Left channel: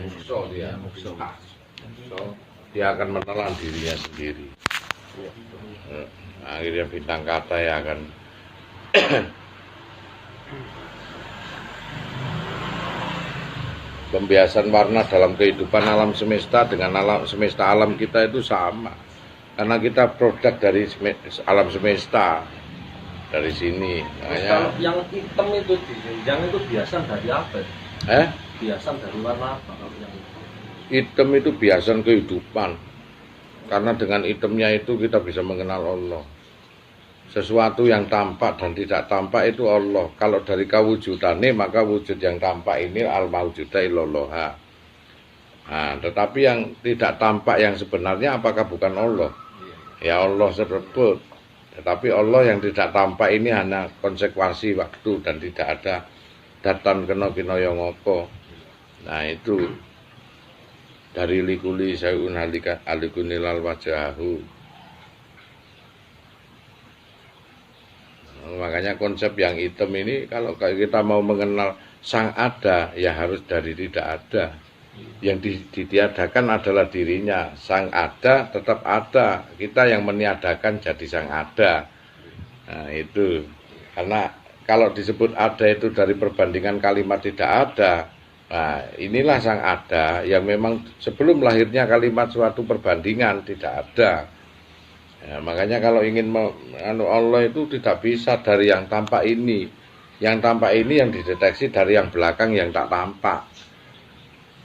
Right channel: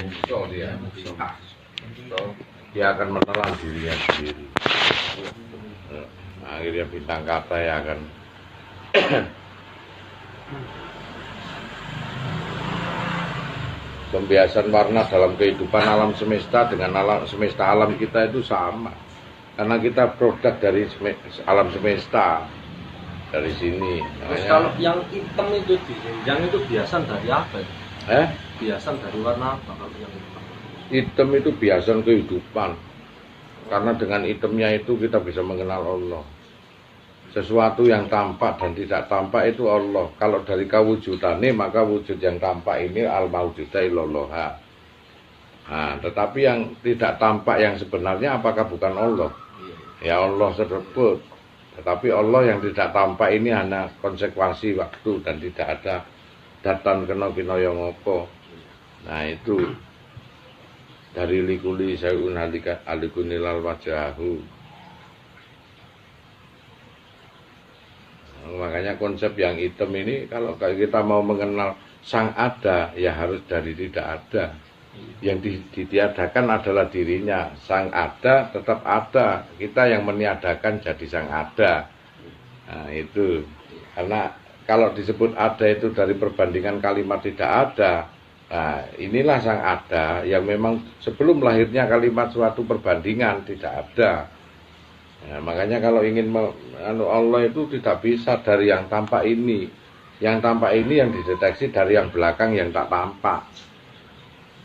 Mukso dia, mukso. Dia akan menelan dirinya sendiri. Akhirnya bintang Katai akan pembiasan warna dalam kehidupan alam semesta dengan alam semesta alam kita itu sama. Karena kita produk dari alam semesta. Dari sini. Terus kalau yang hitam itu yang itu biasan dari apa? Biasan dari warna apa kalau yang hitam? Hitam itu biasan kehidupan. Karena dengan hitamnya itu kita bisa mengenal Allah. Sesuatu yang tampak dan tidak tampak itu Allah. Kalau dari kawujudane maka wujud yang tampak ini al-mawjuda illallah. Nah, tetapi yang tidak tampak yang sebenarnya apakah bukan Allah? Ya Allah tersebut. Tetapi Allah yang tidak tampak ini hanya konsekuensi waktu dan tidak ada datan kena kinaya ngapa. Nah itu dari likuli sayun halikat alikunilal wajahu. Makanya konsep yang hitam ini kalau kita mau mengenal sang ada ya harus dari tidak ada. Yang ditiadakan adalah dirinya. Sang ada tetap ada. Kita yang meniadakan jadi sang ada. Nah itu. Karena kalau disebut ada itu dari perbandingan kalimat tidak ada. Nah inilah sang ada yang memang sebelum lahirnya kalimat suatu perbandingan tidak ada. Nah, makanya kalau ingin Allah itu tidak bisa dari yang tampak ini. Yang tampak ini yang dideteksi dari yang belakang yang tak tampak.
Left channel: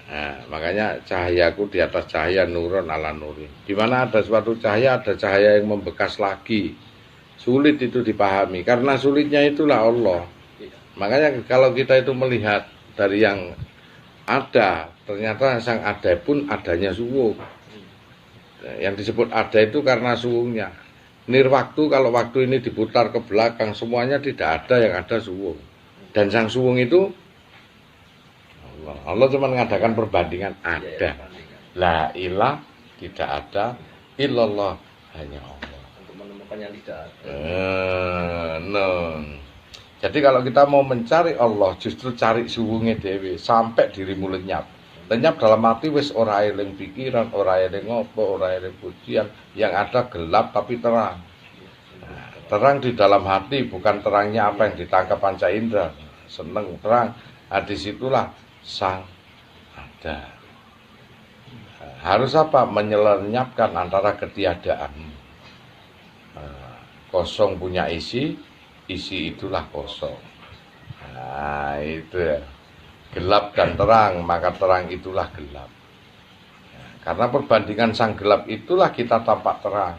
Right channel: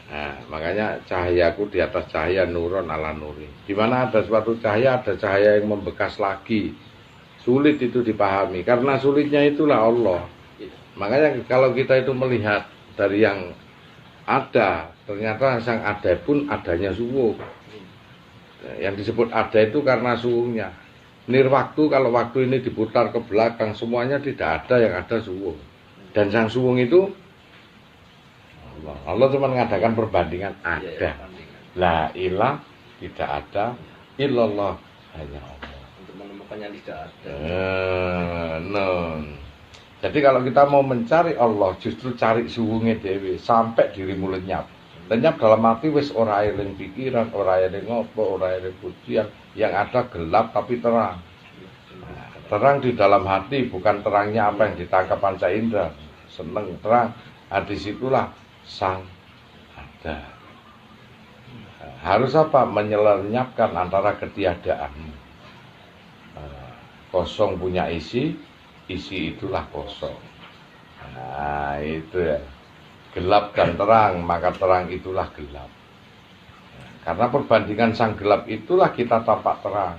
Nah, makanya cahayaku di atas cahaya nuron ala nuri. Di mana ada suatu cahaya, ada cahaya yang membekas lagi. Sulit itu dipahami. Karena sulitnya itulah Allah. Makanya kalau kita itu melihat dari yang ada, ternyata sang ada pun adanya suwung. Yang disebut ada itu karena suwungnya. Nirwaktu kalau waktu ini diputar ke belakang, semuanya tidak ada, yang ada suwung. Dan sang suwung itu Allah cuma mengadakan perbandingan ada. La ilah tidak ada, illallah hanya Allah. Untuk menemukan yang tidak ada. Jadi kalau kita mau mencari Allah, justru cari suwunge dhewe sampai dirimu lenyap. Lenyap dalam arti wis ora eling pikiran, ora eling ngopo, ora eling pujian, yang ada gelap tapi terang. Terang di dalam hati bukan terangnya apa yang ditangkap panca indera. Seneng terang. Nah, disitulah sang ada. Harus apa? Menyelenyapkan antara ketiadaan. Kosong punya isi, isi itulah kosong. Nah itu ya. Gelap dan terang, maka terang itulah gelap. Karena perbandingan sang gelap itulah kita tampak terang.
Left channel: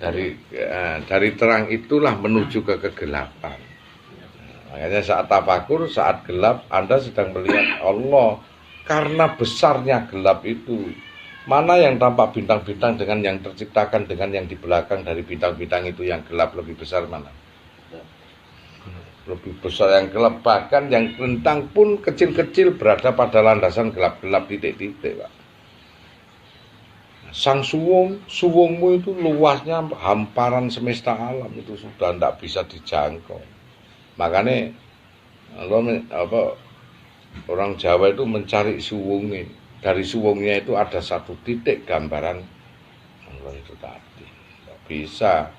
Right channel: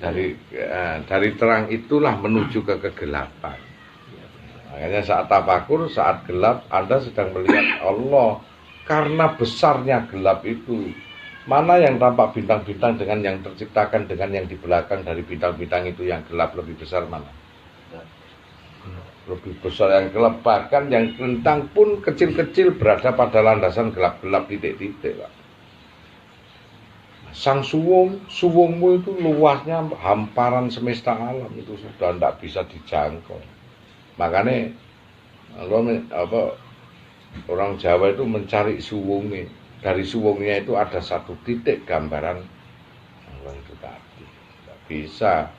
Dari terang itulah menuju ke kegelapan. Makanya saat tafakur, saat gelap, Anda sedang melihat Allah. Karena besarnya gelap itu. Mana yang tampak bintang-bintang dengan yang terciptakan, dengan yang di belakang dari bintang-bintang itu yang gelap lebih besar mana? Lebih besar yang gelap. Bahkan yang rentang pun kecil-kecil berada pada landasan gelap-gelap titik-titik. Sang suwungmu itu luasnya hamparan semesta alam. Itu sudah tidak bisa dijangkau. Makanya orang Jawa itu mencari suwungnya. Dari suwungnya itu ada satu titik gambaran Allah itu tadi. Tidak bisa.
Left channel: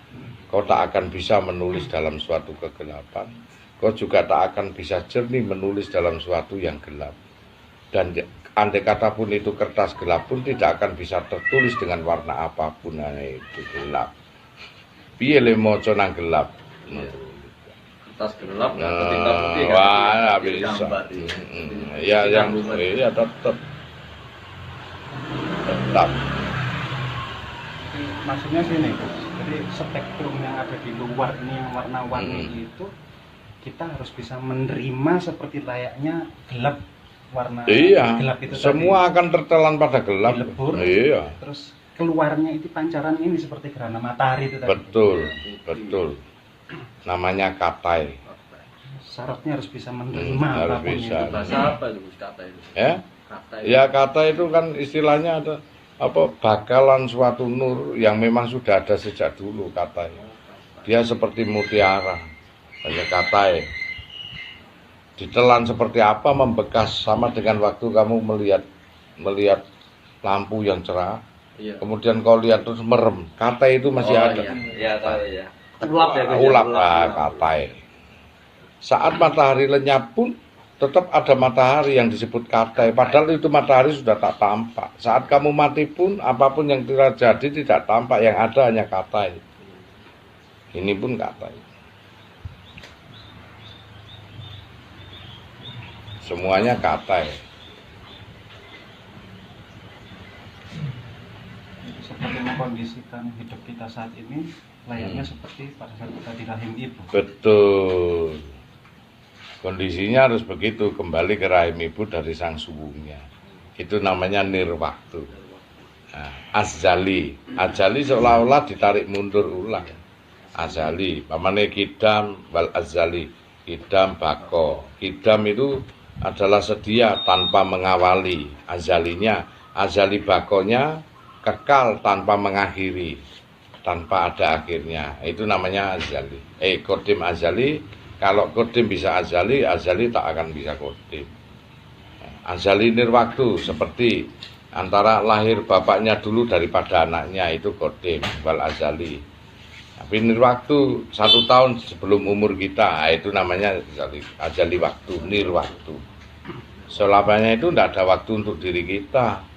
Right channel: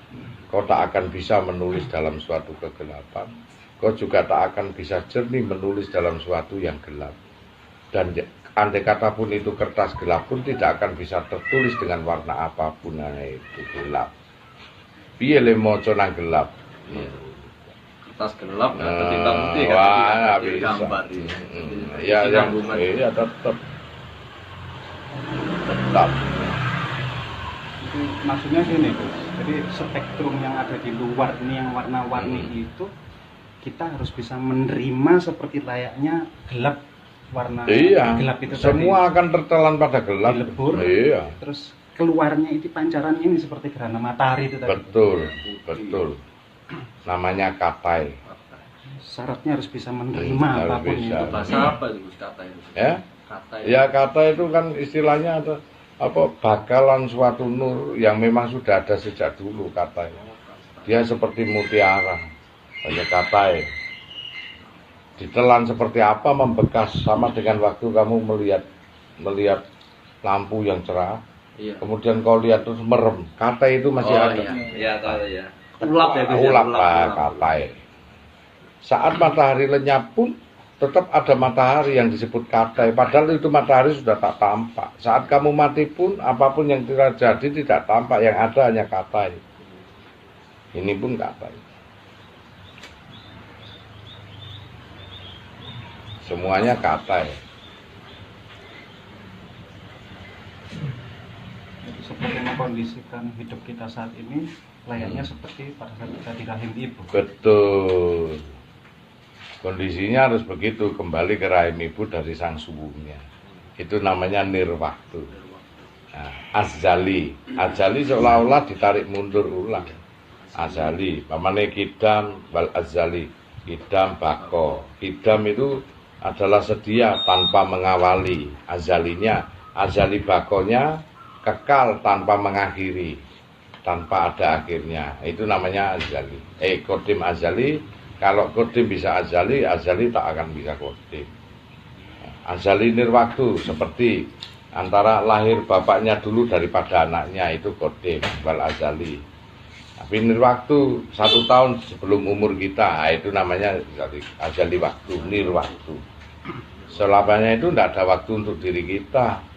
Kau tak akan bisa menulis dalam suatu kegelapan. Kau juga tak akan bisa jernih menulis dalam suatu yang gelap. Dan andai kata pun itu kertas gelap pun tidak akan bisa tertulis dengan warna apapun, hanya itu gelap. Piye le maca nang gelap. Kertas gelap ketika putih kan bisa. Ya tetap. Jadi maksudnya gini, jadi spektrum yang ada di luar ini yang warna-warni itu kita harus bisa menerima seperti layaknya gelap warna gelap itu semua tadi akan tertelan pada gelap. Dilebur, terus keluarnya itu pancarannya ini seperti gerhana matahari itu tadi. Betul. Namanya katai. Syaratnya harus bisa menerima apapun itu. Bahasa apa itu kata itu? Kata itu kan istilahnya ada bakalan suatu nur yang memang sudah ada sejak dulu katanya. Dia seperti mutiara. Hanya katai. ditelan seperti apa, membekas, sama dengan waktu kamu melihat lampu yang cerah. Iya. Kemudian kau lihat terus merem, katai itu masih ada. Iya, tahu ya. Ulap katai. Saat matahari lenyap pun tetap ada matahari yang disebut katai, padahal itu matahari sudah tak tampak. Saat kamu mati pun apapun yang terjadi tidak tampak, yang ada hanya katai. Ini pun katai. Semuanya katai. Seperti mengkondisikan hidup kita saat ini layaknya seperti pada saat kita di rahim ibu. Betul. Kondisinya harus begitu, kembali ke rahim ibu dari sang suwungnya. Itu namanya nirwaktu. Nah, azali seolah-olah ditarik mundur ulang. Azali, pamane kidam wal azali. Kidam bako. Kidam itu adalah sedia tanpa mengawali. Azali bakonya kekal tanpa mengakhiri, tanpa ada akhirnya. Itu namanya azali. Kodim azali. Kalau kodim bisa azali tak akan bisa kodim. Azali nirwaktu, seperti antara lahir bapaknya dulu daripada anaknya, itu kodim wal azali. Tapi nirwaktu 1 tahun sebelum umur kita, itu namanya azali waktu, nirwaktu. Selamanya itu tidak ada waktu untuk diri kita.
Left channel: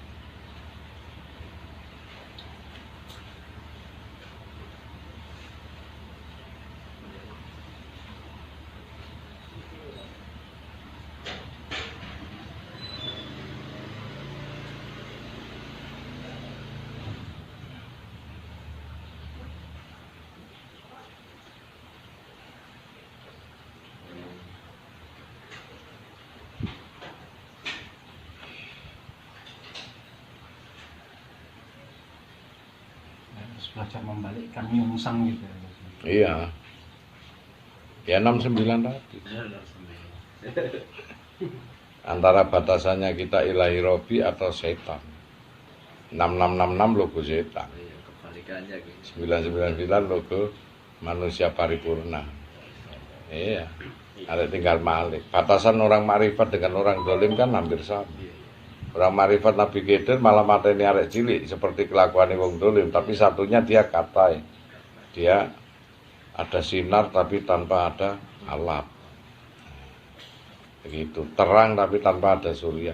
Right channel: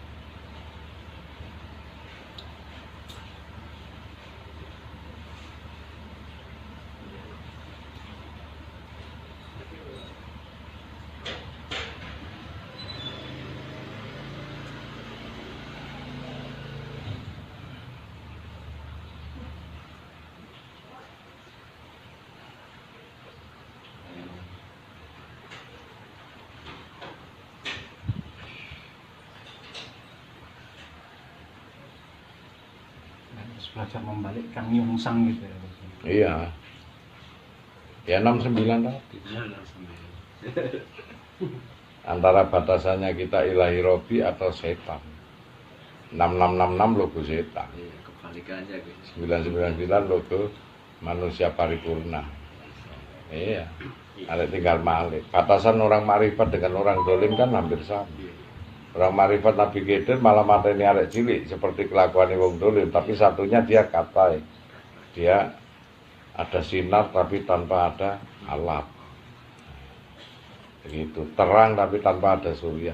Belajar membalikkan nyungsang gitu ya. Iya. Ya 69 tadi. Antara batasannya kita ilahi robi atau setan. 6666 logo setan. Kebalikannya gitu. 999 logo manusia paripurna. Iya. Ada tinggal malik. Batasan orang makrifat dengan orang dolim kan hampir sama. Orang marifat Nabi Khidir malah mateni arek cilik seperti kelakuan wong dolim, tapi satunya dia katai. Dia ada sinar tapi tanpa ada alap. Begitu, terang tapi tanpa ada surya.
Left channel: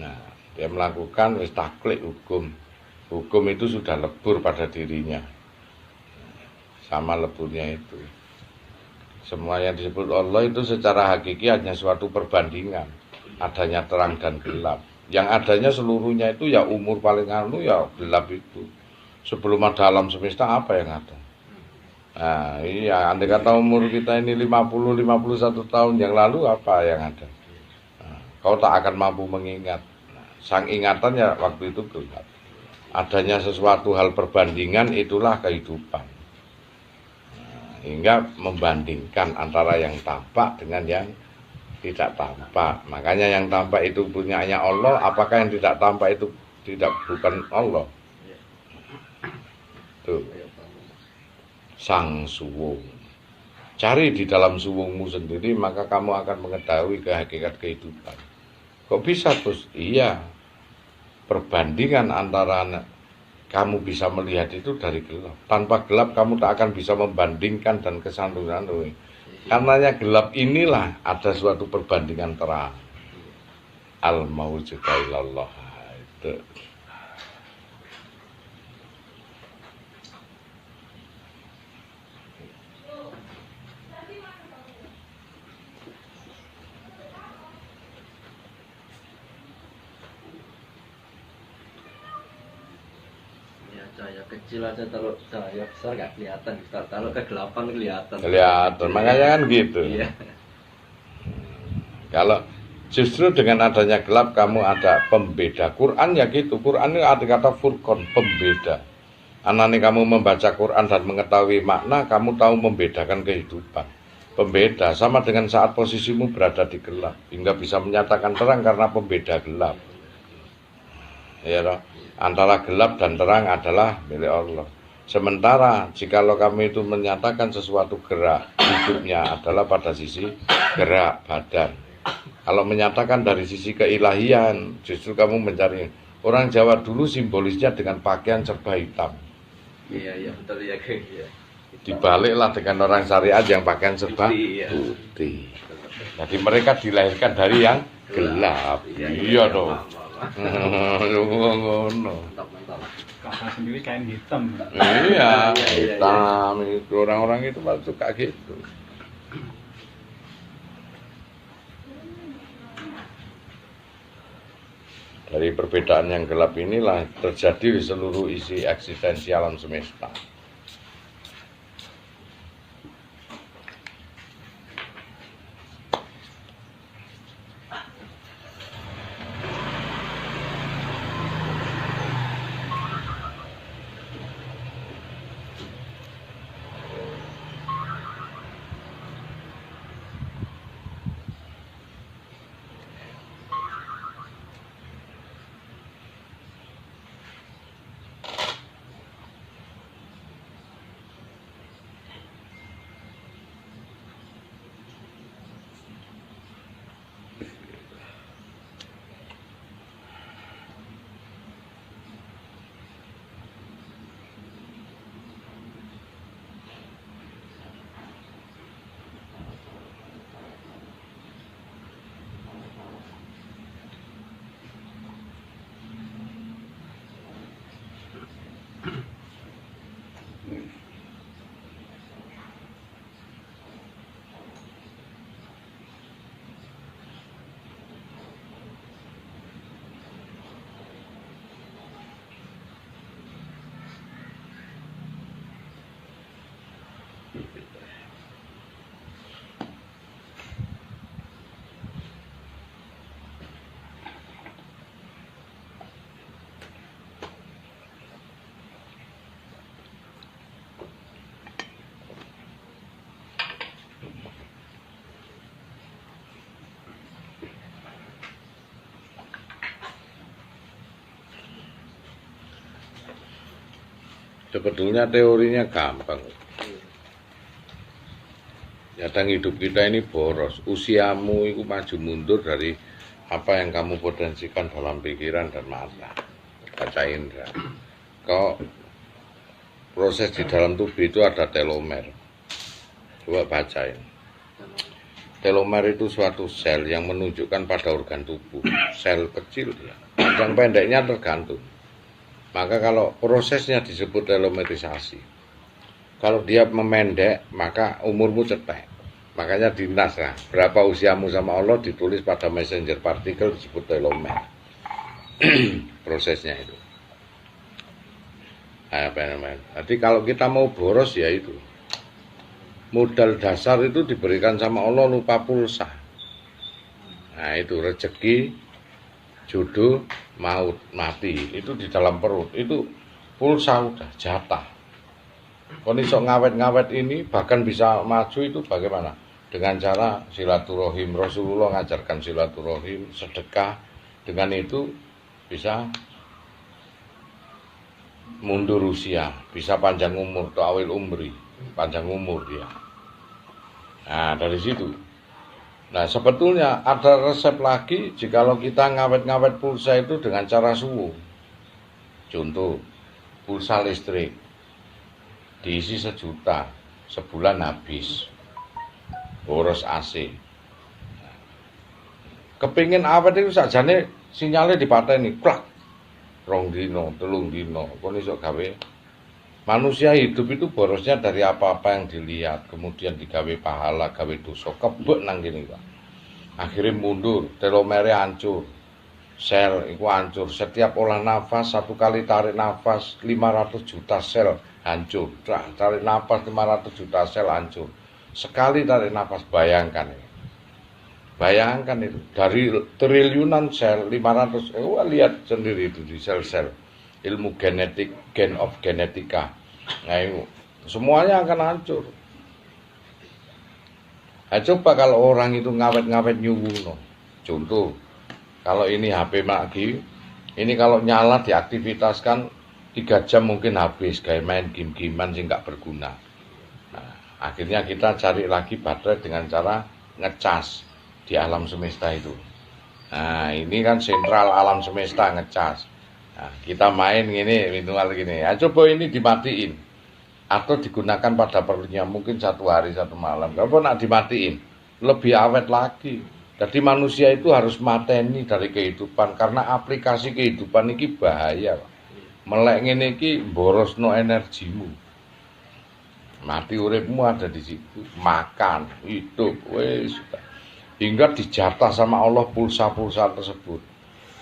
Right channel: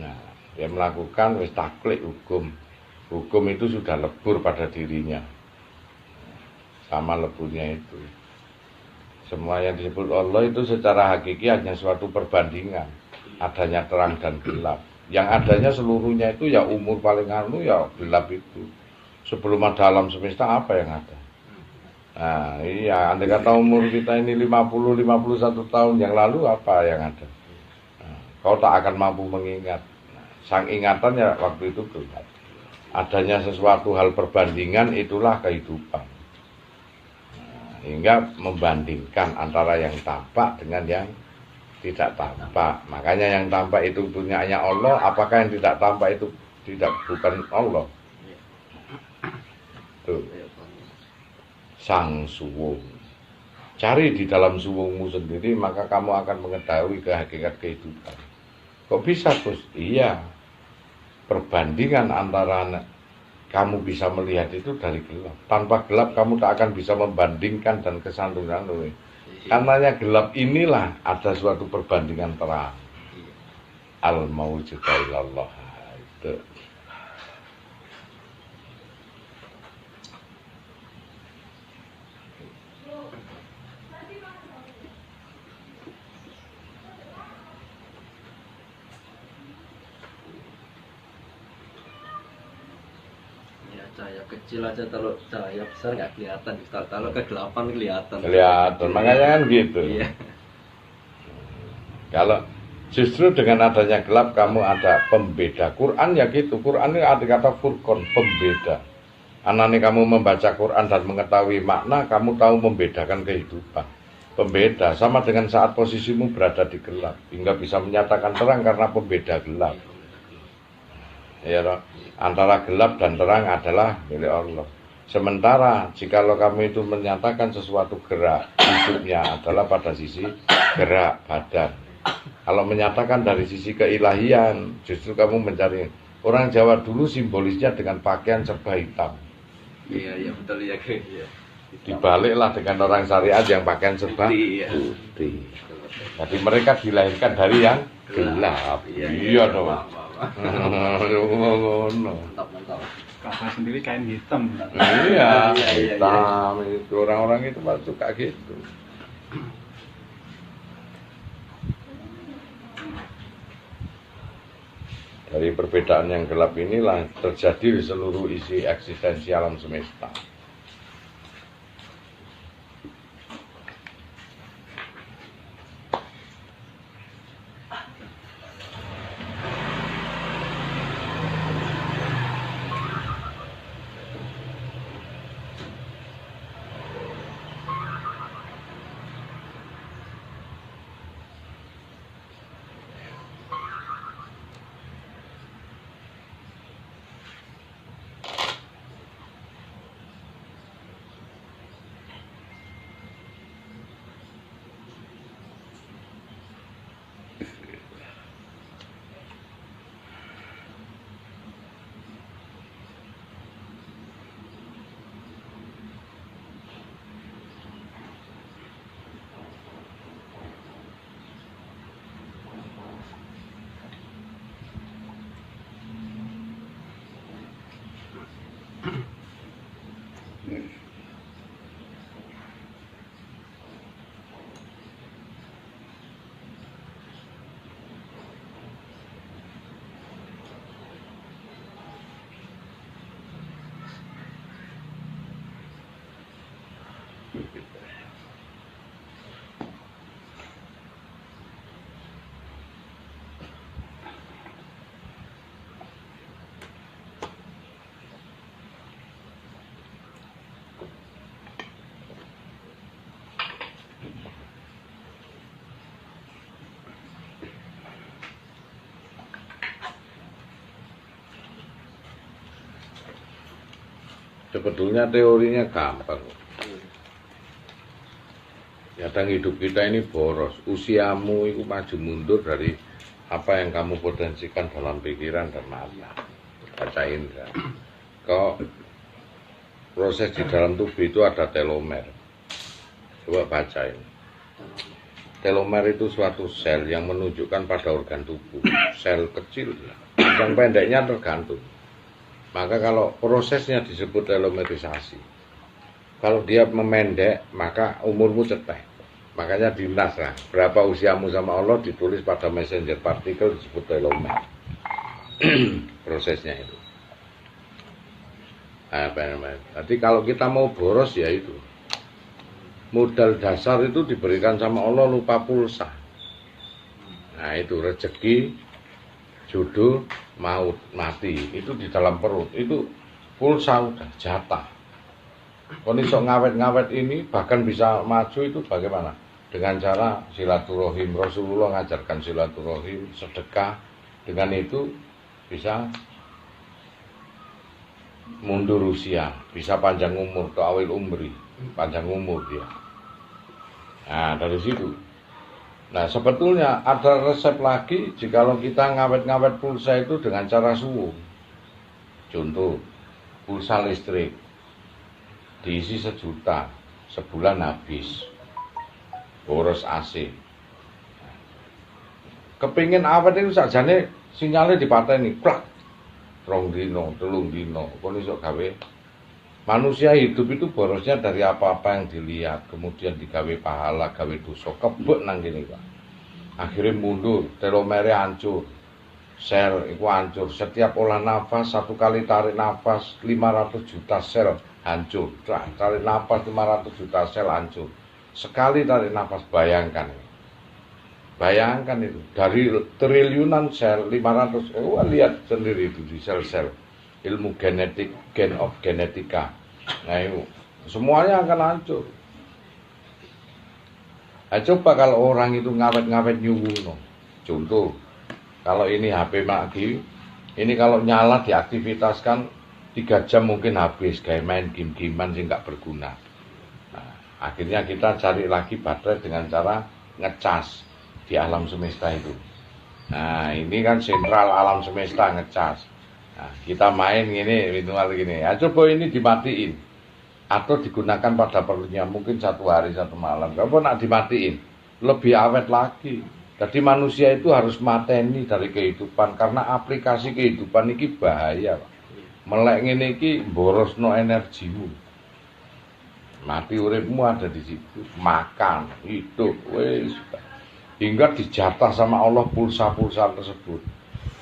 Nah, dia melakukan wis taklid hukum. Hukum itu sudah lebur pada dirinya. Sama leburnya itu. Semua yang disebut Allah itu secara hakiki hanya suatu perbandingan. Adanya terang dan gelap. Yang adanya seluruhnya itu ya umur paling anu ya gelap itu. Sebelum ada alam semesta apa yang ada? Nah, iya, andai kata umur kita ini 50-51 tahun yang lalu apa yang ada? Nah, kau tak akan mampu mengingat. Nah, sang ingatan ya waktu itu gelap. Adanya sesuatu hal perbandingan itulah kehidupan. Nah, hingga membandingkan antara yang tampak dengan yang tidak tampak. Makanya yang tampak itu punyanya Allah, apakah yang tidak tampak itu bukan Allah? Tuh. Sang suwung. Cari di dalam suwungmu sendiri, maka kamu akan mengetahui hakikat kehidupan. Kok bisa terus? Iya. Perbandingan antara kamu bisa melihat itu dari gelap. Tanpa gelap kamu tak akan bisa membandingkan dan kesantunan. Karenanya gelap inilah ada suatu perbandingan terang. Al-mawjudu ilallah. Itu. Cahaya kecil aja, kalau cahaya besar nggak kelihatan. Kalau kegelapan kelihatan. Kelihatan, makanya kan gitu. Iya. Kalau justru dengan adanya gelap kamu ada pembeda. Quran ya gitu. Quran ini ada kata furqan, pembeda. Anane kamu membaca Quran dan mengetahui makna, kamu tahu membedakan kehidupan. Pembeda sama dengan saat posisimu berada di gelap, hingga bisa menyatakan terang karena pembeda gelap. Ya, antara gelap dan terang adalah milik Allah. Sementara jikalau kamu itu menyatakan sesuatu gerak, hidupnya adalah pada sisi gerak badan. Kalau menyatakan dari sisi keilahian, justru kamu mencari. Orang Jawa dulu simbolisnya dengan pakaian serba hitam. Iya betul ya kayak gitu. Dibaliklah dengan orang syariat yang pakaian serba putih. Jadi mereka dilahirkan dari yang gelap. Iya dong. Ngono. Kakak sendiri kain hitam. Iya, hitam. Orang-orang itu malah suka gitu. Dari perbedaan yang gelap inilah terjadi di seluruh isi eksistensi alam semesta. Sebetulnya teorinya gampang. Kadang hidup kita ini boros. Usiamu itu maju mundur dari apa yang kamu potensikan dalam pikiran dan mata. Baca indra. Kok proses di dalam tubuh itu ada telomer. Coba bacain. Telomer itu suatu sel yang menunjukkan pada organ tubuh. Sel kecil, yang pendeknya tergantung. Maka kalau prosesnya disebut telomerisasi. Kalau dia memendek, maka umurmu cetek. Makanya dinas lah. Berapa usiamu sama Allah ditulis pada messenger partikel disebut telomer. Prosesnya itu. Jadi kalau kita mau boros ya itu. Modal dasar itu diberikan sama Allah lupa pulsa. Nah itu rezeki, jodoh, maut, mati. Itu di dalam perut. Itu pulsa udah jatah. Kalau iso ngawet-ngawet ini bahkan bisa maju itu bagaimana? Dengan cara silaturahim. Rasulullah ngajarkan silaturahim, sedekah. Dengan itu bisa mundur usia, bisa panjang umur, ta'awil umri, panjang umur dia. Nah dari situ. Nah sebetulnya ada resep lagi jikalau kita ngawet-ngawet pulsa itu dengan cara suwu. Contoh, pulsa listrik diisi 1 juta, sebulan habis, boros AC. Kepingin awet itu sajane sinyalnya dipateni, klak, 2 dino, 3 dino, kon iso gawe. Manusia hidup itu borosnya dari apa-apa yang dilihat, kemudian digawe pahala, gawe dosa, kebek nang kene Pak. Akhirnya mundur, telomere hancur, sel itu hancur. Setiap olah nafas, 1 kali tarik nafas, 500 juta sel hancur. Tarik nafas 500 juta sel hancur. Sekali tarik nafas, bayangkan. Bayangkan itu, dari triliunan sel, 500, lihat sendiri itu di sel-sel. Ilmu genetik, gen of genetika. Nah itu, semuanya akan hancur. Nah, coba kalau orang itu ngawet-ngawet nyuwuno. Contoh, kalau ini HP Maki, ini kalau nyala diaktivitaskan 3 jam mungkin habis kayak main game-gamean sih nggak berguna. Nah, akhirnya kita cari lagi baterai dengan cara ngecas di alam semesta itu. Nah, ini kan sentral alam semesta ngecas. Nah, kita main gini, minimal gini. Ya, coba ini dimatiin atau digunakan pada perlunya mungkin 1 hari 1 malam. Kalau nak dimatiin, lebih awet lagi. Jadi manusia itu harus mateni dari kehidupan karena aplikasi kehidupan ini bahaya. Melek ngene iki borosno energimu. Mati uripmu ada di situ. Makan, hidup, wis. Hingga dijatah sama Allah pulsa-pulsa tersebut.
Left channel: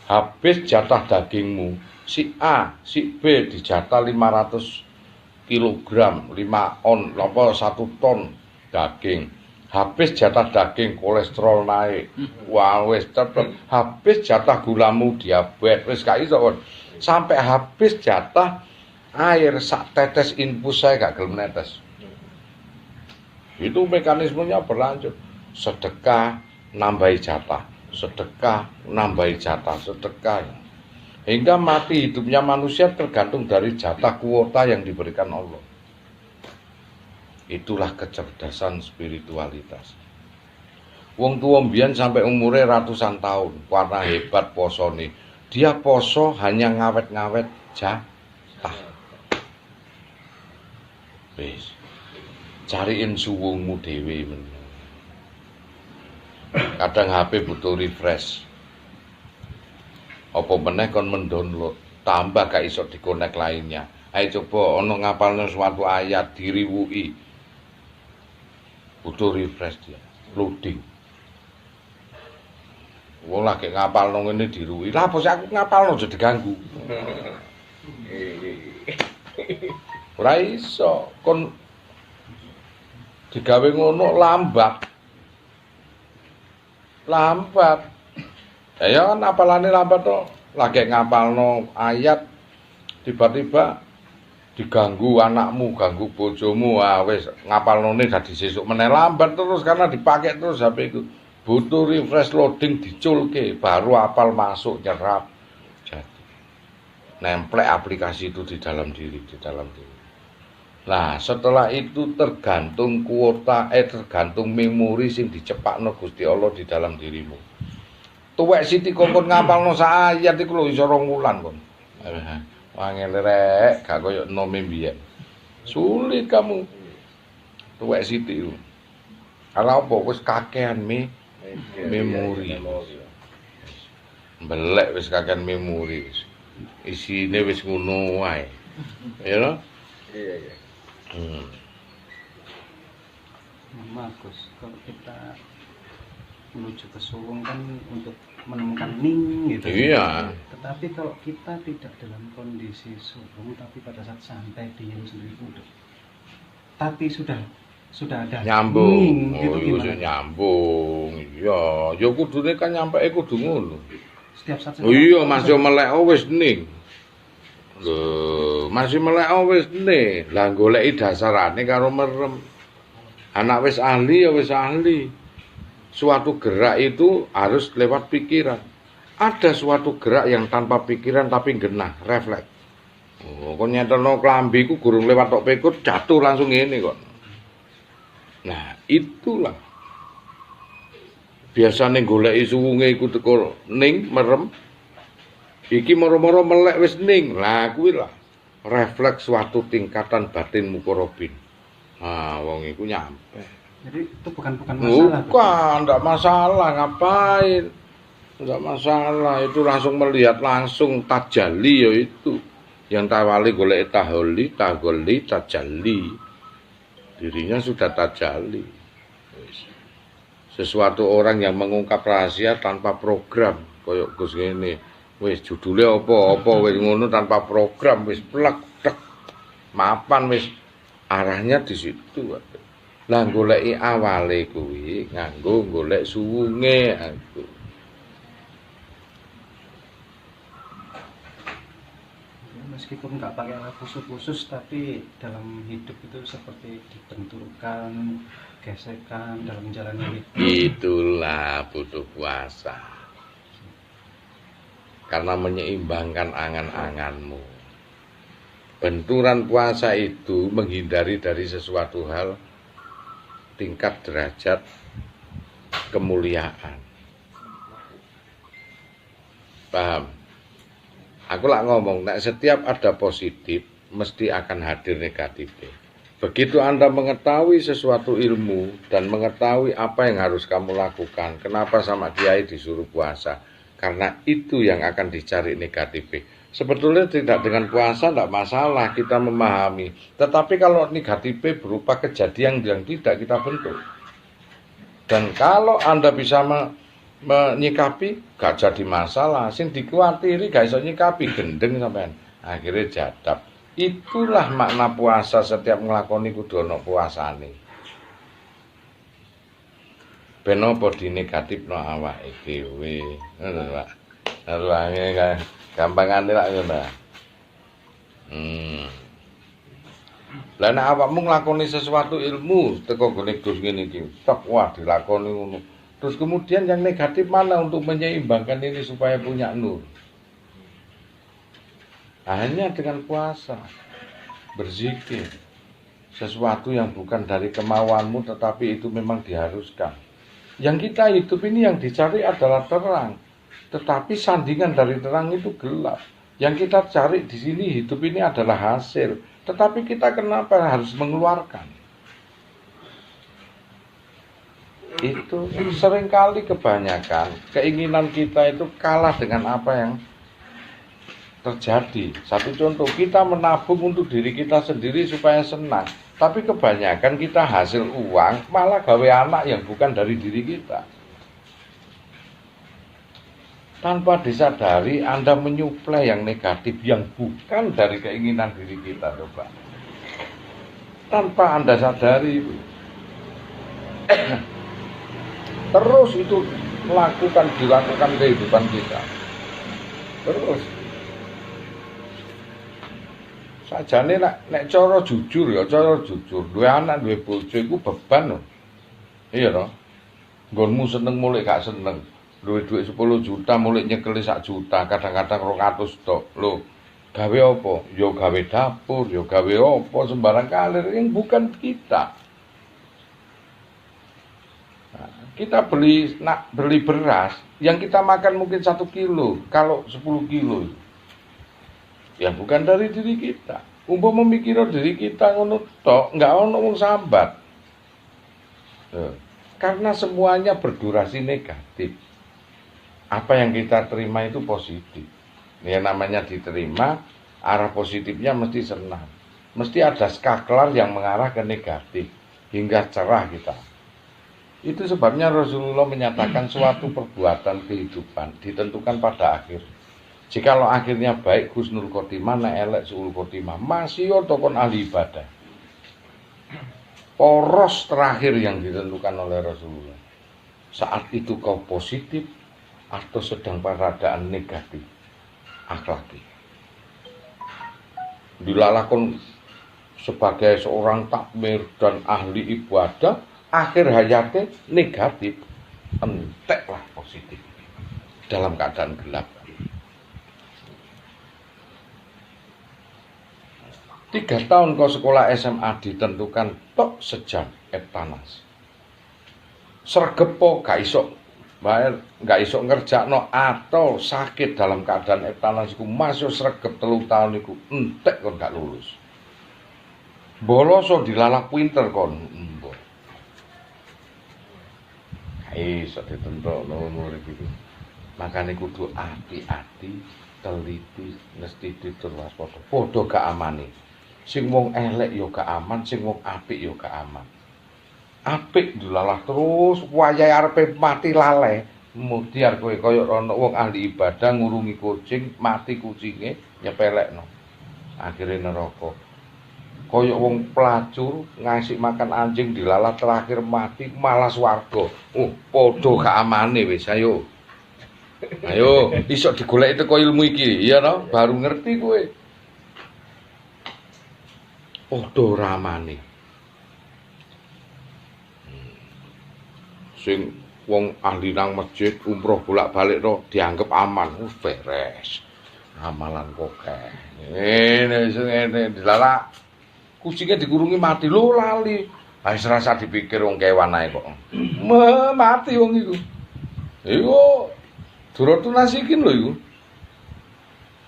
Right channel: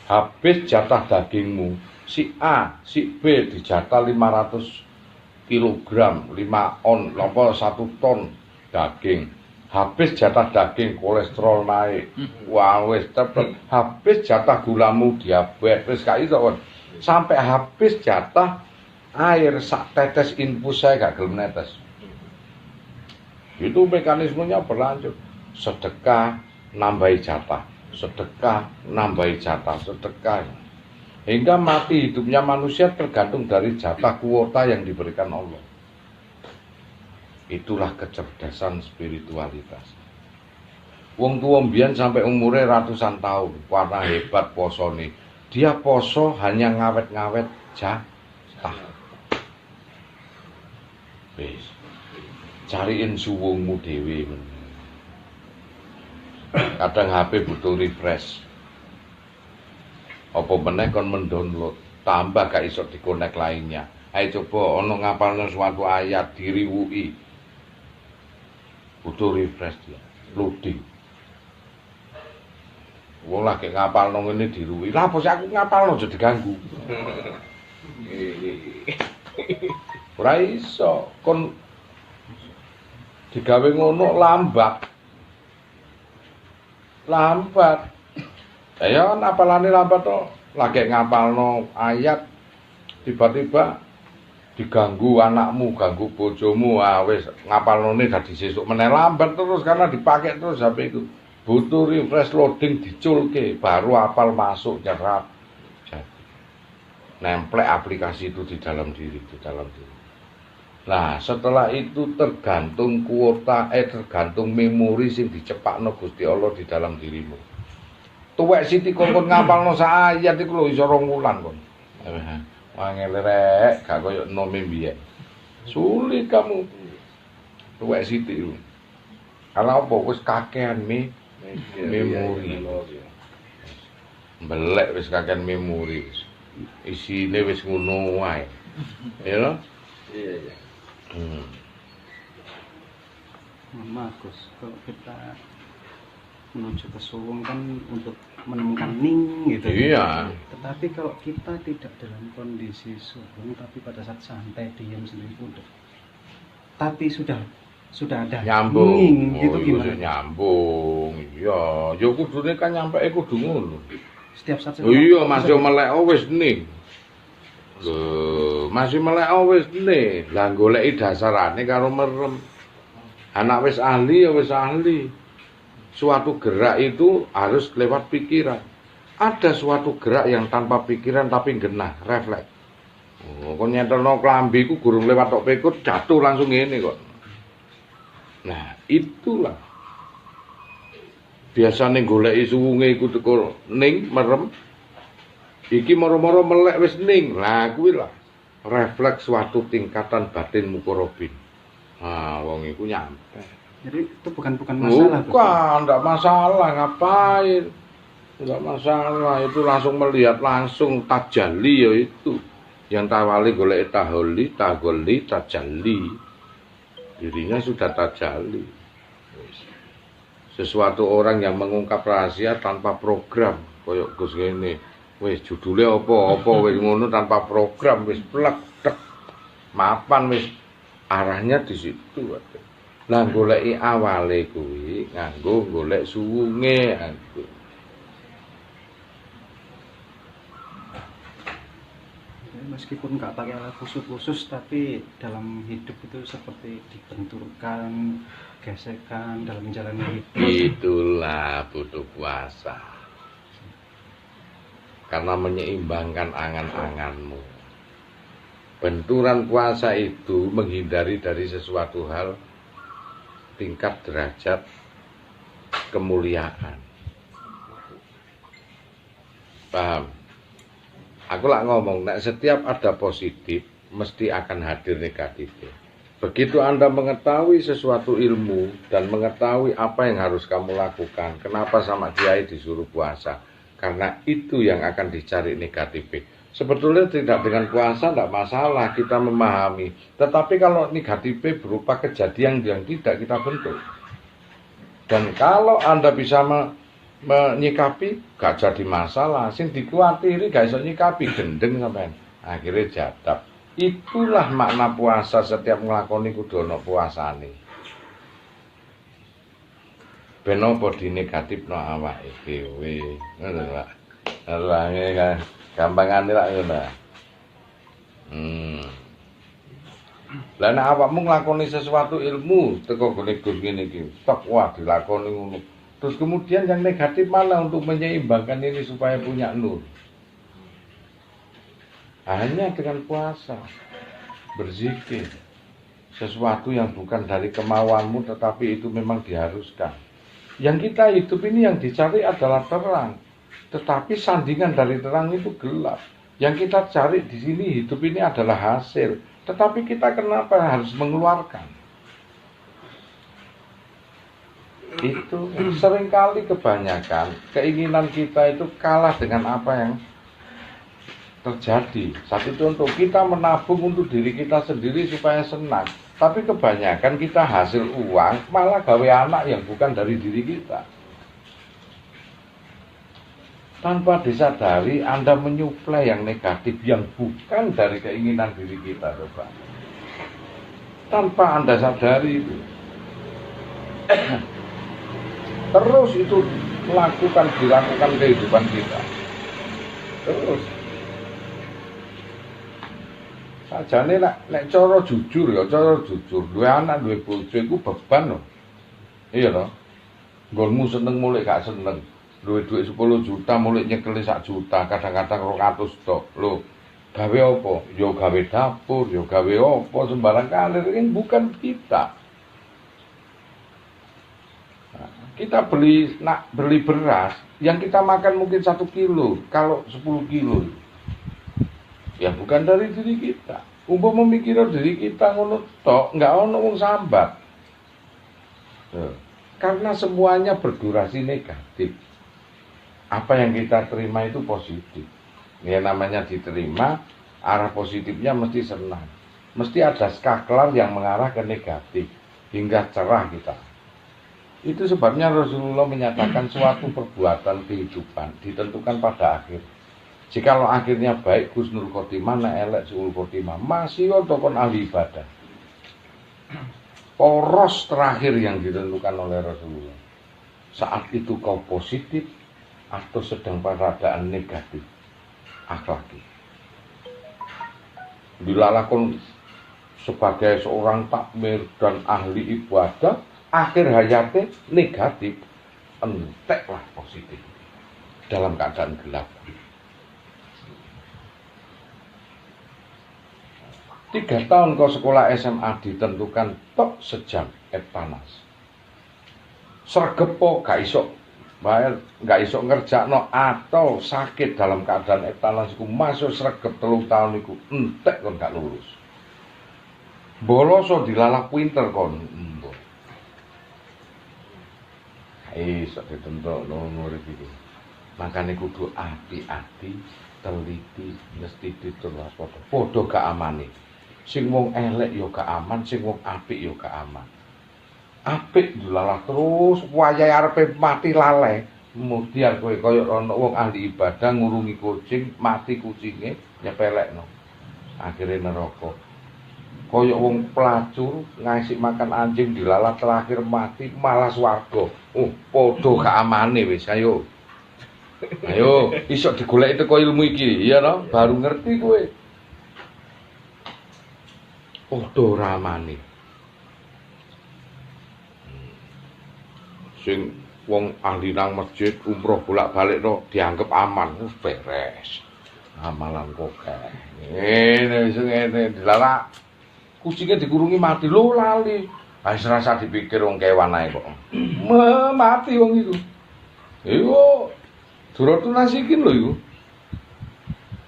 Habis jatah dagingmu, si A, si B dijatah 500 kilogram, 5 on, 1 ton daging. Habis jatah daging, kolesterol naik. Wah, wis cepet. Habis jatah gulamu diabetes, wis gak iso kon. Sampai habis jatah air sak tetes infus saya gak gelem netes. Itu mekanismenya berlanjut. Sedekah nambahi jatah, sedekah nambahi jatah, sedekah. Hingga mati hidupnya manusia tergantung dari jatah kuota yang diberikan Allah. Itulah kecerdasan spiritualitas. Wong tua mbiyen sampai umurnya ratusan tahun, warna hebat posone. Dia poso hanya ngawet-ngawet jatah. Wis. Cariin suwungmu dhewe men. Kadang HP butuh refresh. Apa meneh kon mendownload, tambah gak iso dikonek lainnya. Ayo coba ono ngapalno suatu ayat diriwuki. Butuh refresh dia, loading. Wong lagi ngapalno ngene diruwi. Lah bos aku ngapalno aja diganggu. Ora iso kon digawe ngono lambat. Ya kan apalane lambat to. Lagi ngapalno ayat tiba-tiba diganggu anakmu, ganggu bojomu, wis ngapalnone dadi sesuk meneh lambat terus karena dipakai terus HP itu. Butuh refresh loading diculke baru apal masuk jadi nemplek aplikasi itu di dalam diri. Nah, setelah itu tergantung kuota tergantung memori sing dicepakno Gusti Allah di dalam dirimu. Tuwek siti kon ngapalno sak ayat iku lho iso 2 wulan kon. Wangel rek gak koyo nome mbiyen. Sulit kamu. Tuwek siti. Karena apa wis kakean memori. Belek wis kakean memori. Isine wis ngono wae. Ya lho? Iya. Gus, kalau kita menuju ke suwung kan untuk menemukan ning gitu. Iya. Tetapi kalau kita tidak dalam kondisi suwung tapi pada saat santai diam sendiri udah. Tapi sudah ada nyambung. Gitu gimana? Nyambung. Iya, ya kudune kan nyampeke kudu ngono. Setiap saat. Oh iya, masih melek wis ning. Lho, masih melek wis ning. Lah goleki dasarane karo merem. Anak wis ahli ya wis ahli. Suatu gerak itu harus lewat pikiran. Ada suatu gerak yang tanpa pikiran tapi genah, refleks. Oh, kon nyetelno klambi ku gurung lewat tok pekut jatuh langsung ngene kok. Nah, itulah. Biasane goleki suwunge iku teko ning merem. Iki moro-moro melek wis ning. Lah kuwi lah refleks suatu tingkatan batin mukorobin. Nah, wong iku nyampe. Jadi itu bukan masalah. Bukan, enggak masalah, ngapain? Enggak masalah, itu langsung melihat langsung tajalli ya itu. Yang tawali golek taholi, tagoli, tajalli. Dirinya sudah tajalli. Sesuatu orang yang mengungkap rahasia tanpa program, koyok Gus ngene. Wis judulnya apa wis ngono tanpa program wis plek tek. Mapan wis arahnya di situ. Lah goleki awale kuwi nganggo golek suwunge aku. Meskipun nggak pakai alat khusus tapi dalam hidup itu seperti dibenturkan, gesekan dalam menjalani hidup. Itulah butuh puasa. Karena menyeimbangkan angan-anganmu. Benturan puasa itu menghindari dari sesuatu hal tingkat derajat kemuliaan. Paham? Aku lah ngomong, nek setiap ada positif mesti akan hadir negatif. Begitu Anda mengetahui sesuatu ilmu dan mengetahui apa yang harus kamu lakukan, kenapa sama kiai disuruh puasa? Karena itu yang akan dicari negatif. Sebetulnya tidak dengan puasa tidak masalah, kita memahami. Tetapi kalau negatif berupa kejadian yang tidak kita bentuk. Dan kalau Anda bisa menyikapi, gak jadi masalah. Sing dikuatiri gak bisa nyikapi, gendeng sampean. Akhirnya jadab. Itulah makna puasa, setiap ngelakoni kudu ana puasane. Ben apa di negatif no awake dhewe. Ngono Pak. Arwahe kan gampangane lak ngono. Lah nek awakmu nglakoni sesuatu ilmu teko gone Gus ngene iki, tok wah dilakoni ngono. Terus kemudian yang negatif malah untuk menyeimbangkan ini supaya punya nur. Hanya dengan puasa, berzikir, sesuatu yang bukan dari kemauanmu tetapi itu memang diharuskan. Yang kita hidup ini yang dicari adalah terang, tetapi sandingan dari terang itu gelap. Yang kita cari di sini hidup ini adalah hasil, tetapi kita kenapa harus mengeluarkan? Itu seringkali kebanyakan keinginan kita itu kalah dengan apa yang terjadi. Satu contoh, kita menabung untuk diri kita sendiri supaya senang, tapi kebanyakan kita hasil uang malah gawe anak yang bukan dari diri kita. Tanpa disadari Anda menyuplai yang negatif yang bukan dari keinginan diri kita, coba. Tanpa Anda sadari itu. Terus itu dilakukan kehidupan kita. Terus sajane nek cara jujur ya, duwe anak duwe bojo iku beban lho. Iya to? Nggonmu seneng mulai gak seneng. Duwe duit 10 juta mulai nyekeli 1 juta, kadang-kadang 200 tok. Lho, gawe apa? Ya gawe dapur, ya gawe apa sembarang kalir, ini bukan kita. Nah, kita beli beras, yang kita makan mungkin 1 kilo, kalau 10 kilo. Ya bukan dari diri kita. Umpama memikirkan diri kita ngono tok, enggak ono wong sambat. Karena semuanya berdurasi negatif. Apa yang kita terima itu positif. Ya namanya diterima, arah positifnya mesti senang. Mesti ada skaklar yang mengarah ke negatif hingga cerah kita. Itu sebabnya Rasulullah menyatakan suatu perbuatan kehidupan ditentukan pada akhir. Jikalau akhirnya baik husnul khotimah, na elek suul khotimah, masih otokon ahli ibadah. Poros terakhir yang ditentukan oleh Rasulullah. Saat itu kau positif atau sedang pada keadaan negatif akhlaki. Dilalakon sebagai seorang takmir dan ahli ibadah, akhir hayatnya negatif, enteklah positif dalam keadaan gelap. 3 tahun kau sekolah SMA ditentukan tok sejam eptanas. Sregepo gak iso bayar, gak iso ngerjakno atau sakit dalam keadaan eptanas iku masuk sregep 3 tahun iku entek kon gak lulus. Boloso dilalak pinter kon. Iso ditentuk nomor iki. Makane kudu hati-hati, teliti, mesti ditulis padha. Padha gak amane. Sing wong elek ya gak aman, sing wong apik ya gak aman. Apik dilalah terus wayahe arepe mati lalai. Kemudian kowe kaya ana wong ahli ibadah ngurungi kucing, mati kucinge nyepelekno. Akhire neraka. Kaya wong pelacur ngasih makan anjing dilalah terakhir mati malah swarga. Padha gak amane wis ayo. Ayo, iso digoleki teko ilmu iki, iya to? Baru ngerti kowe. Padha ramane. Sing wong ahli nang masjid umroh bolak-balik no dianggap aman, beres. Amalan kok ngene dilalak. Kucingnya dikurungi mati lho lali. Ha serasa dipikir wong kewan ae kok. Mati wong iku. Iku Duratu nasikin lho iku.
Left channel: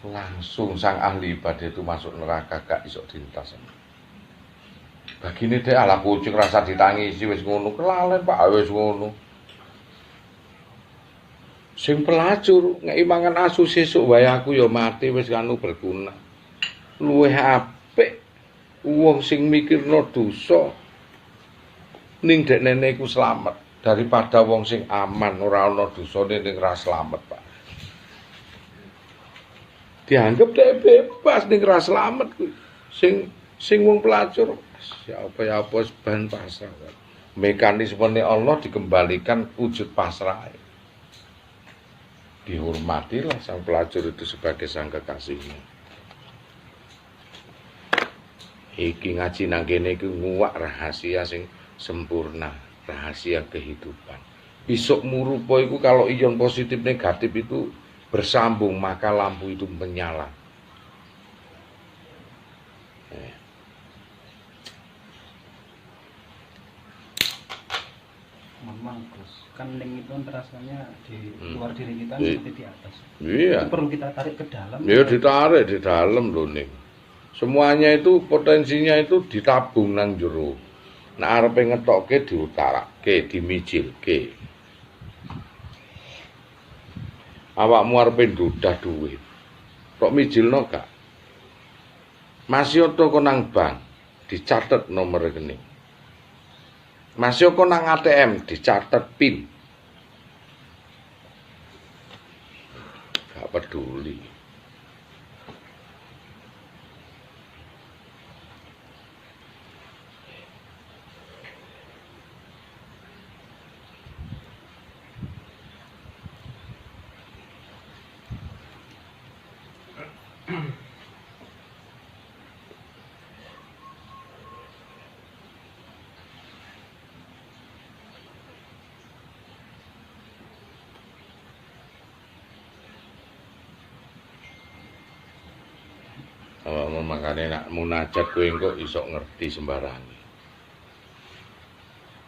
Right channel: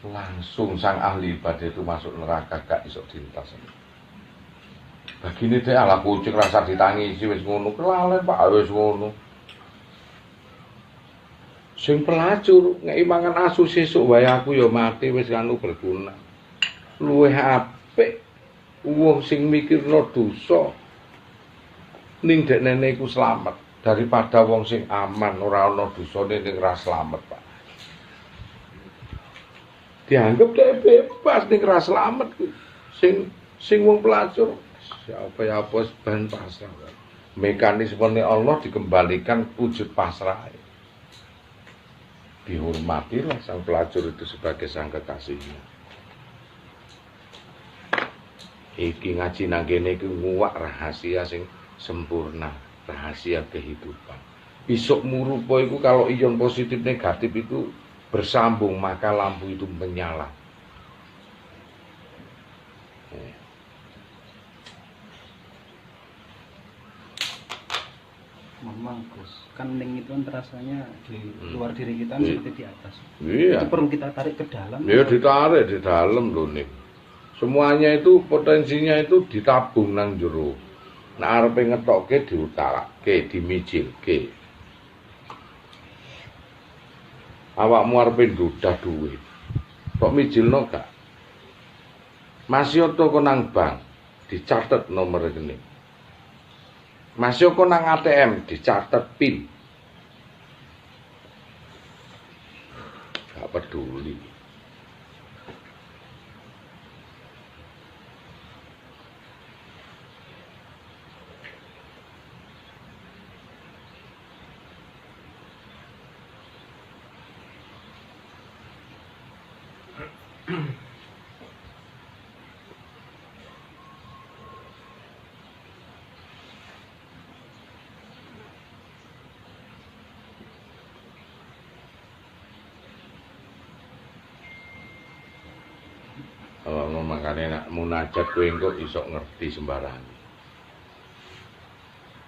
Langsung sang ahli ibadah itu masuk neraka gak iso dilintas. Bagine dhek ala kucing rasa ditangisi wis ngono kelalen Pak wis ngono. Sing pelacur ngeki mangan asu sesuk wae aku ya mati wis anu berguna. Luwih apik wong sing mikirno dosa ning dekne iku slamet daripada wong sing aman ora ana dosane ning ra slamet, Pak. Dianggap dhek bebas ning ra slamet kuwi. Sing wong pelacur apa ban pasrah. Mekanisme Allah dikembalikan wujud pasrah. Dihormatilah sang pelacur itu sebagai sang kekasihnya. Iki ngaji nang kene iki nguwak rahasia sing sempurna, rahasia kehidupan. Besok murupa iku kalau ion positif negatif itu bersambung maka lampu itu menyala. Memang Gus, kan link itu kan rasanya di luar diri kita seperti di atas. Iya. Itu perlu kita tarik ke dalam. Iya, ditarik di dalam lho ning. Semuanya itu potensinya itu ditabung nang jero. Nek arepe ngetokke diutarake, dimijilke. Awakmu arepe ndudah duit. Kok mijilno gak? Masih toko nang bank, dicatet nomor rekening. Masih kok nang ATM dicatat PIN. Gak peduli. Makane nek munajat kowe engko iso ngerti sembarang.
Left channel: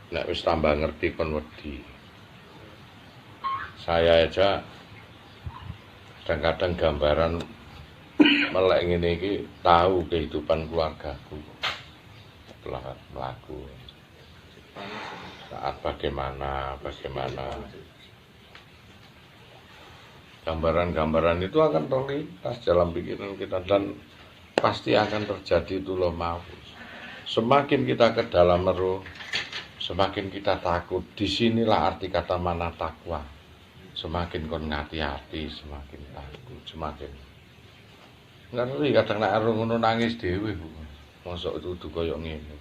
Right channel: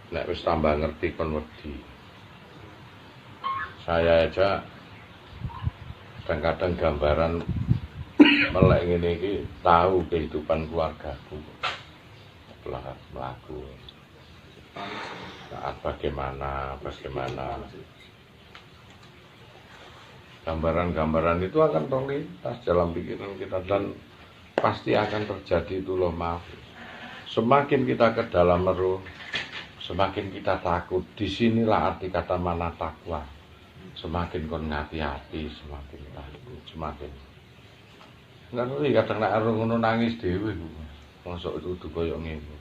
Nek wis tambah ngerti kon wedi. Saya aja kadang-kadang gambaran melek ngene iki tahu kehidupan keluargaku. Setelah melaku. Saat bagaimana. Gambaran-gambaran itu akan terlintas dalam pikiran kita dan pasti akan terjadi itu loh mahfuz. Semakin kita ke dalam roh, semakin kita takut. Disinilah arti kata mana takwa. Semakin kon hati-hati, semakin takut, semakin. Ngeri kadang nek roh ngono nangis dhewe. Mosok itu koyo ngene.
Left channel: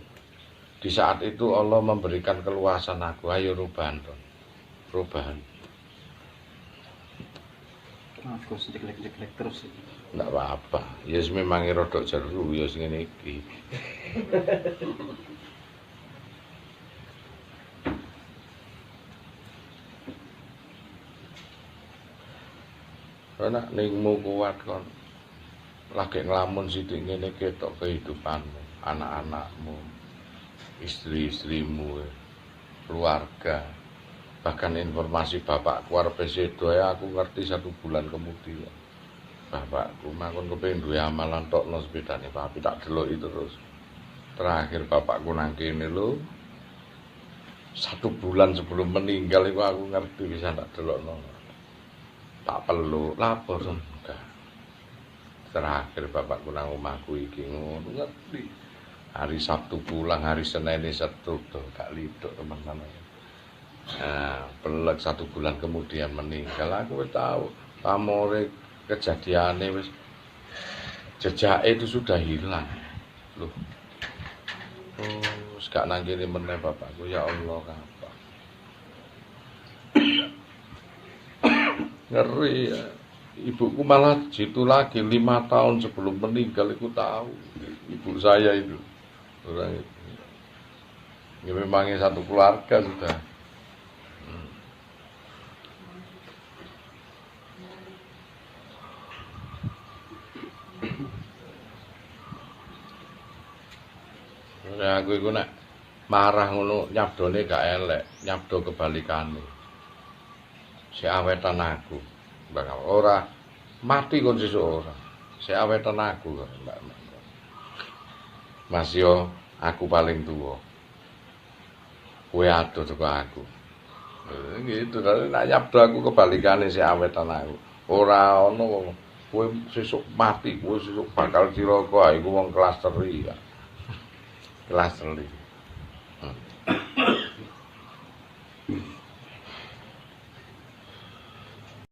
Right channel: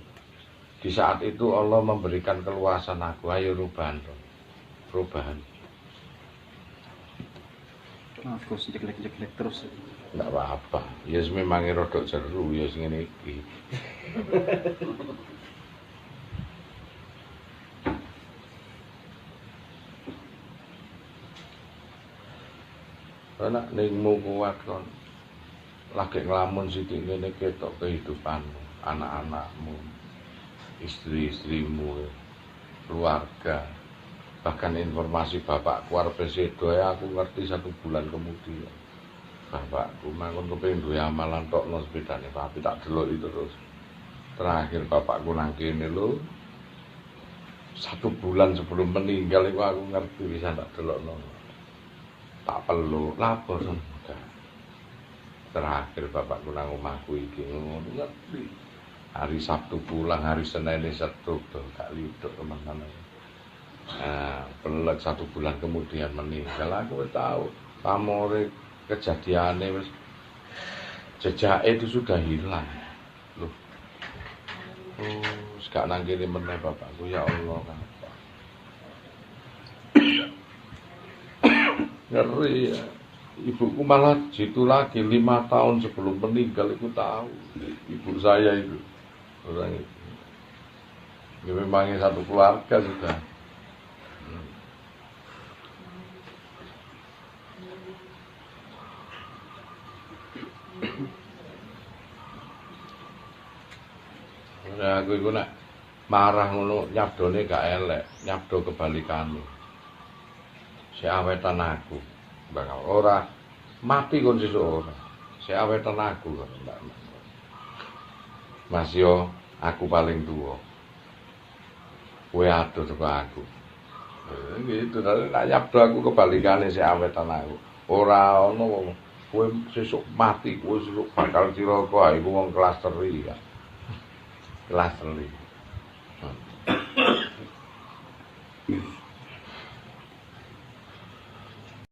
Di saat itu Allah memberikan keluasan aku, ayo rubahan. Aku jelek-jelek terus. Nggak apa-apa, ya memang rodok jeru ya sing ngene iki. Enak ningmu kuat kon. Lagi ngelamun sithik ngene ketok kehidupanmu, anak-anakmu, istri-istrimu, keluarga. Bahkan informasi bapakku arep sedo aku ngerti 1 bulan kemudian. Bapakku mangkon kepengin duwe amalan tokno sepedane papi tak delok itu terus. Terakhir bapakku nang kene lho. 1 bulan sebelum meninggal itu aku ngerti bisa tak delokno. Tak perlu lapor enggak. Terakhir bapakku nang omahku iki ngono ngerti. Hari Sabtu pulang, hari Senin setruk gak lidok teman-teman. Nah, pelek 1 bulan kemudian meninggal aku tahu pamore kejadiannya wis jejake itu sudah hilang. Loh. Oh, gak nang kene meneh bapakku ya Allah kan. Ngeri ya. Ibuku malah jitu lagi 5 tahun sebelum meninggal itu tahu. Ibu saya itu orang itu. Ya memangnya 1 keluarga sudah. aku iku nek marah ngono nyabdone gak elek, nyabdo kebalikane. Si awetan aku. Bakal ora mati kon sesuk ora. Si awetan aku kok, Mbak. Mas yo aku paling tuwa. Kowe adoh teko aku. Gitu, nek nyabdo aku kebalikane si awetan aku. Ora ono kowe sesuk mati, kowe sesuk bakal cilaka, iku wong kelas 3 ya. Kelas 3.